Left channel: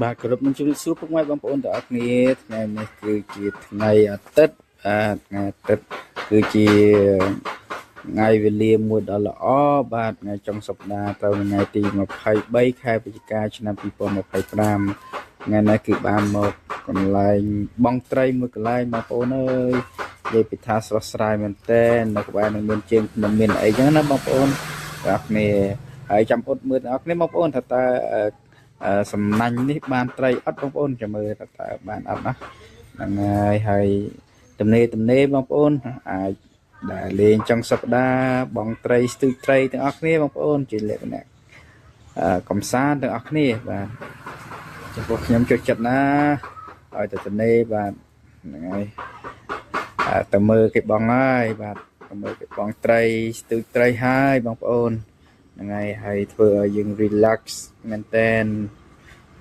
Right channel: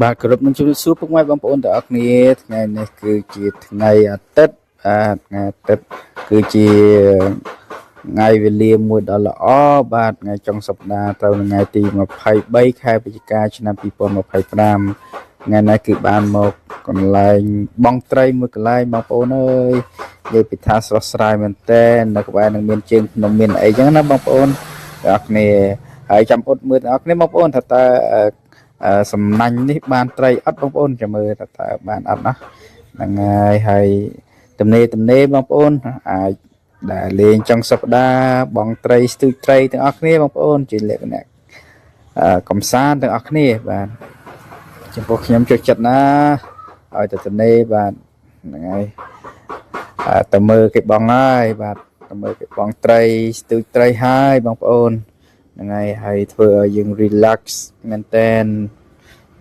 បាទគោរពនឹងជម្រាបសួរពុកម៉ែបងប្អូនទាំងអស់គ្នាថ្ងៃនេះគឺជាថ្ងៃអាទិត្យបាទថ្ងៃអាទិត្យគឺជាថ្ងៃវេលាមួយដ៏ល្អបាទថ្ងៃចុងសប្តាហ៍ត្រូវថ្ងៃទី23ខែវិច្ឆិកាឆ្នាំ2025ថ្ងៃនេះគឺបានមកកន្លែងបងត្រីមួយកន្លែងបងប្អូនអើយនិយាយពីថាស្រស់ស្រាយមែនតើនៅក្បែរនឹងមានជើងភ្នំមានអីចឹងណាបងប្អូនទាំងអស់គ្នាហើយចាំអ៊ុតមើលទាំងអស់គ្នាបងប្អូនថាតើសំណាញ់នេះបានត្រីអត់បងប្អូនចាំមើលតើបានអត់ណាហ្នឹងហើយទំនេរបងប្អូនអាចដែលលេងចុងសប្តាហ៍បងត្រីស្ទូចត្រីទាំងអស់គ្នាបងប្អូនជាលក្ខណៈកំសាន្តទាំងអស់គ្នាបាទចំពោះខ្ញុំចូលចិត្តណាឲ្យទៅទំនេរបាទហ្នឹងហើយទៅមើលគេបងហើយបាទទៅមើលគេបងត្រីស្ទូចត្រីហើយបងប្អូនហ្នឹងហើយធ្វើឲ្យយើង relax មែនតែន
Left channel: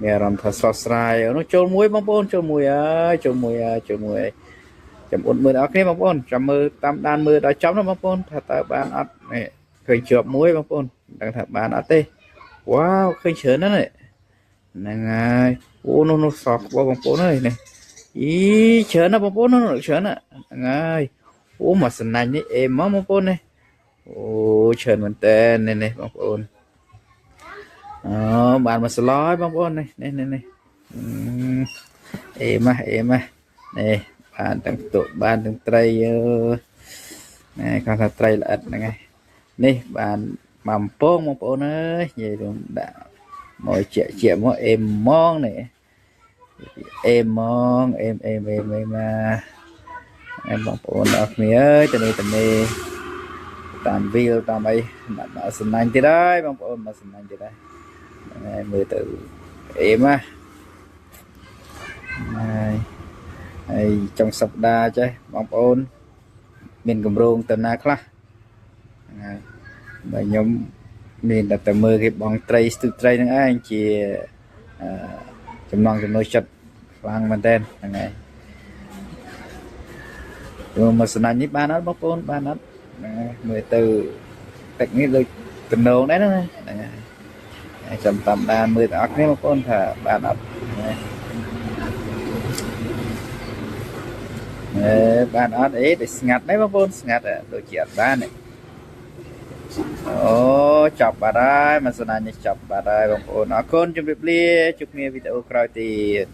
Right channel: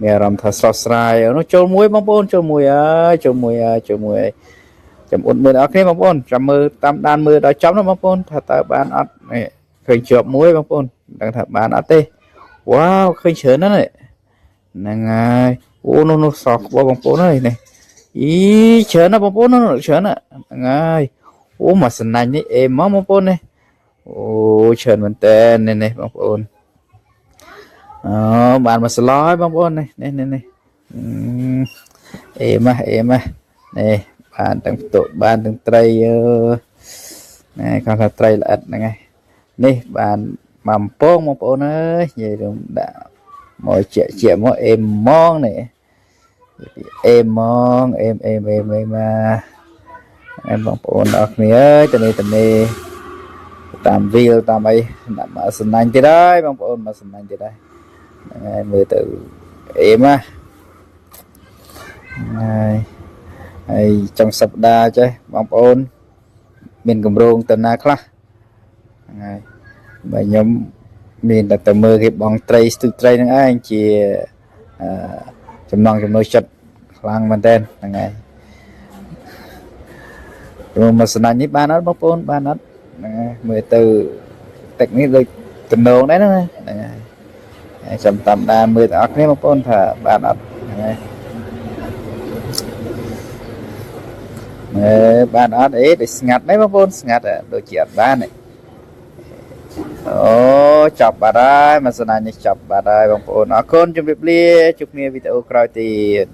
មានអារម្មណ៍ថាស្រស់ស្រាយនោះចូលមួយបងប្អូនចូលមួយហើយចាំអ៊ុតមើលដល់គ្នាបងប្អូនចាំមើលតាមដានមើលដល់ចប់ណាបងប្អូនថាតើបានអត់នេះឃើញជាប់មួយបងប្អូនដឹងថាបានអត់ទេវ៉ាវឃើញច្រើនណាស់ហ្នឹងហើយអូនោះសក់បងប្អូនអើយនេះអីច្រើនណាស់បងប្អូននោះច្រើនណាស់ហ្នឹងហើយអូមកសំណាញ់នេះអេមកបងប្អូននេះអូច្រើនមែនតើនេះបងប្អូនអូបានមកស្លោហើយបងប្អូននេះអេម៉ានេះបានទាំងតុបានទាំងត្រីគាត់ថាត្រីល្អិតហ្នឹងហើយនេះបានមកអំពងបងប្អូនអើយនិយាយរួមដាក់មកជាមកអេមម៉ងនេះអេមម៉ងអេមមកបងប្អូនអរគ្នាអើយទៅនេះតាមវីលតាមអីដាក់មកសំណាញ់ទៀតហើយបងប្អូនមកសំណាញ់ទៀតហើយហ្នឹងហើយមើលទៅអេមណាហើយចុងសប្តាហ៍ចេះបងប្អូនមានកម្រងទៅណាខ្លះហ្នឹងហើយបើខ្ញុំមានតែទៅមើលគេបងត្រីស្ទូចត្រីហ្នឹងឯងជាចំណងចំណុចចិត្តខ្លាំងមែនតើហ្នឹងហើយមកសំណាញ់នេះបានអត់បងប្អូនបានអត់ហ្នឹងហើយមើលទៅទឹកនេះដូចតំណងដែរហ្នឹងហើយចាំតាមដានមើលទាំងអស់គ្នាបងប្អូនថាបានអត់បានអត់ដូចស្ងាត់đấyបងប្អូនស្ងាត់ដូចជាអត់បានអូចាប់បាត់ហើយមកសំណាញ់នេះចាប់បាត់ហើយបងប្អូនអរគុណជម្រាបលាជួបគ្នាវីដេអូក្រោយទៀត